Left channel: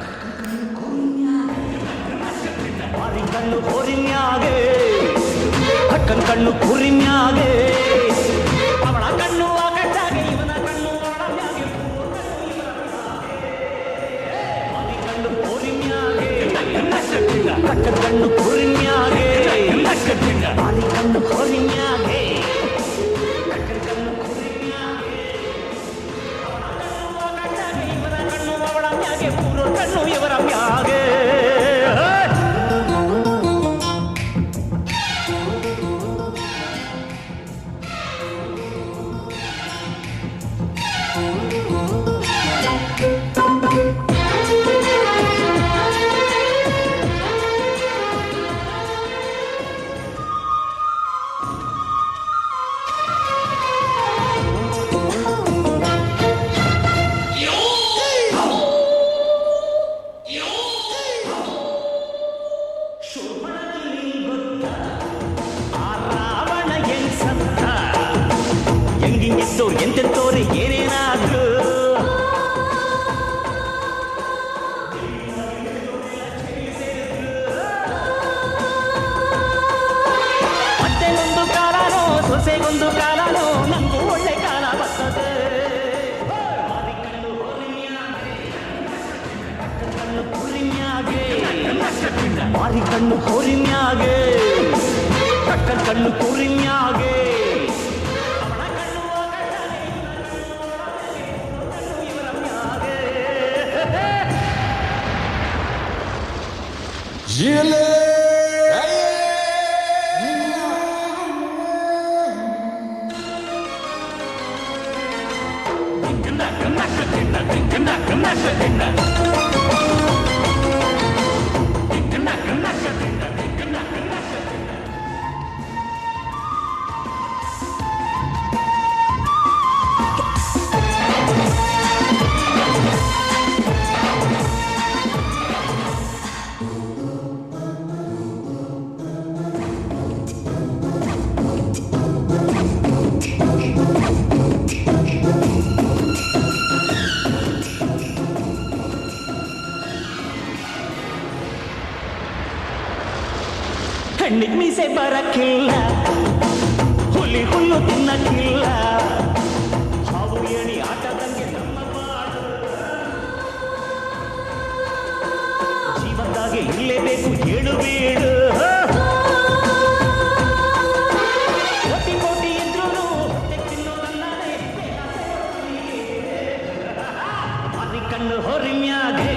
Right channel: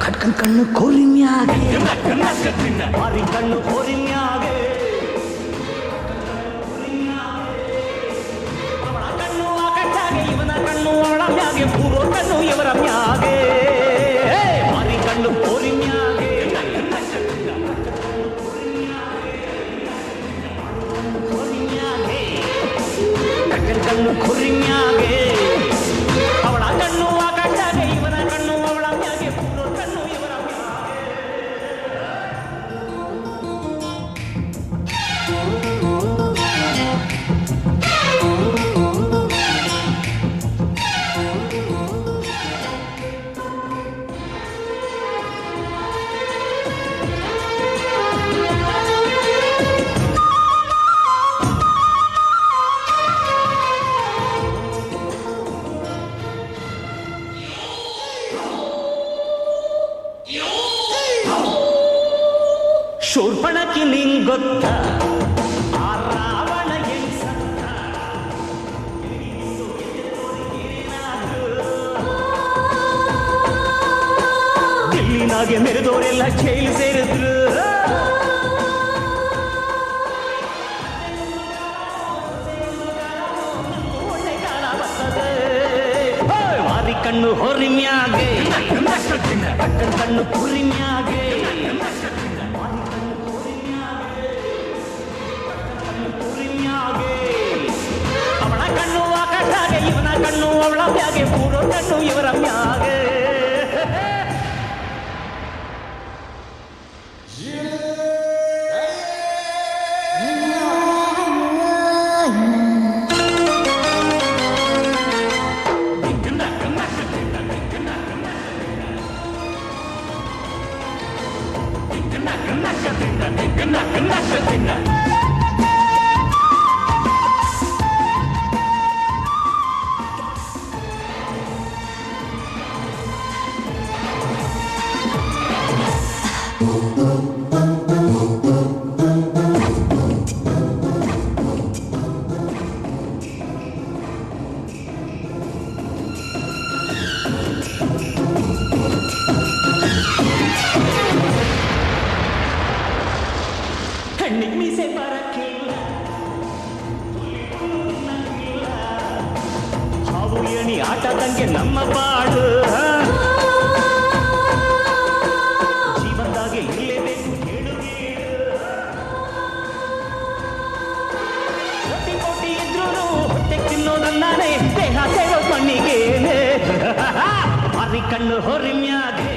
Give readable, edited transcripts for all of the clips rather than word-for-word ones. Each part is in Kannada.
ಕಟ್ಕನ್ ಕಣ್ಣು ಕೋರಿನ್ಯಾಗೆ ಮಾರಿ ಕಣ್ಣು ಕೋರಿನ್ಯಾಗೆ ಕಟ್ಕನ್ ಕಣ್ಣು ಕೋರಿನ್ಯಾಗೆ ಅವಳ ಕಣ್ಣು ಆ ಕಟ್ಟಾಗೆ ಇವನ ಕಣ್ಣು ಅವಳ ಮ್ಯಾಗೆ ಪೂರ್ವ ಕಣ್ಣು ಇವರ ಮ್ಯಾಗೆ ಮಾರಿ ಕಣ್ಣು ಕೋರಿನ್ಯಾಗೆ ಕಟ್ಕನ್ ಕಣ್ಣು ಕೋರಿನ್ಯಾಗೆ ಮಾರಿ ಕಣ್ಣು ಕೋರಿನ್ಯಾಗೆ ಕಟ್ಕನ್ ಕಣ್ಣು ಕೋರಿನ್ಯಾಗೆ ಅವಳ ಕಣ್ಣು ಆ ಕಟ್ಟಾಗೆ ಇವನ ಕಣ್ಣು ಅವಳ ಮ್ಯಾಗೆ ಪೂರ್ವ ಕಣ್ಣು ಇವರ ಮ್ಯಾಗೆ ಶೂರ್ಪಣಕಿ ನಿಂಗೊತ್ತ ಆ ರಾವಣ ಹೆಂಗ್ ಸತ್ತ ಹೆಂಗಿಂಗಿದ್ದೋರು ಎಂತೆತ್ತೋರು ಏನೇನಾದ್ರು ದಿಲ್ಲಿನಾಗೆ ಮೆರೆದೋರೆಲ್ಲ ಜೈಲು ಸೇರಿದ್ರು ಮತ್ತೆಗೊಂದು ಕಾಲನೋ ಸೊಸೆಗೊಂದು ಕಾಲನೋ ನಂಗೂ ಒಳ್ಳೆ ಕಾಲ ಬರ್ತದೆ ಮಾರಿ ಕಣ್ಣು ಹೊರಿಮ್ಯಾಗೆ ಕಟ್ಟನ್ ಕಣ್ಣು ಕುರಿಮ್ಯಾಗೆ ಮಾರಿ ಕಣ್ಣು ಕೋರಿನ್ಯಾಗೆ ಕಟ್ಟನ್ ಕಣ್ಣು ಕುರಿಮ್ಯಾಗೆ ಅವಳ ಕಣ್ಣು ಆ ಕಟ್ಟಾಗೆ ಇವನ ಕಣ್ಣು ಅವಳ ಮ್ಯಾಗೆ ಪೂರ್ವ ಕಣ್ಣು ಇವರ ಮ್ಯಾಗೆ ಹೆಣ್ಣಿಗೆ ಮೀಸೆ ಬರಕ್ಕಿಲ್ಲ ಹುಲಿ ಹುಲ್ಲು ತಿನ್ನಕ್ಕಿಲ್ಲ ಹಾವು ಏಣಿ ಆಟದಂಗೆ ನಮ್ಮ ಬಾಳು ಜೀವನದಾಗೆ ಇರಲೇಬೇಕು ಹೇಳು ಬೀಡು ಕೋಟಿ ಕೋಟಿ ಇದ್ರು ಹೊಟ್ಟೆ ತಿನ್ನೋದನ್ನಾನೆ ದೇಹ ಸೇರೋ ಕಣ್ಣಿಗೇನೆ ಮಾರಿ ಕಣ್ಣು ಹೊರಿಮ್ಯಾಗೆ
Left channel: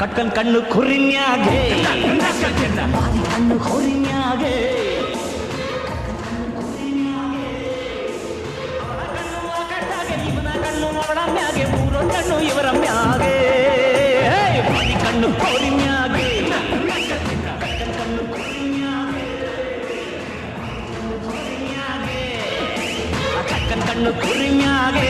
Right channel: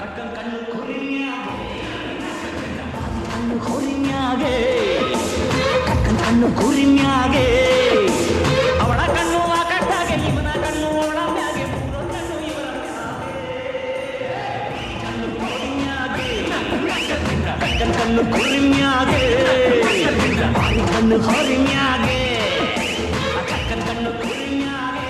ಕಟ್ಕನ್ ಕಣ್ಣು ಕುರಿನ್ಯಾಗೆ ಮಾರಿ ಕಣ್ಣು ಹೊರಿನ್ಯಾಗೆ ಕಟ್ಕನ್ ಕಣ್ಣು ಕುರಿನ್ಯಾಗೆ ಅವಳ ಕಣ್ಣು ಆ ಕಟ್ಟಾಗೆ ಇವನ ಕಣ್ಣು ಅವಳ ಮ್ಯಾಗೆ ಪೂರ್ವ ಕಣ್ಣು ಇವರ ಮ್ಯಾಗೆ ಮಾರಿ ಕಣ್ಣು ಹೊರಿನ್ಯಾಗೆ ಕಟ್ಕನ್ ಕಣ್ಣು ಕುರಿನ್ಯಾಗೆ ಮಾರಿ ಕಣ್ಣು ಹೊರಿನ್ಯಾಗೆ ಕಟ್ಕನ್ ಕಣ್ಣು ಕುರಿನ್ಯಾಗೆ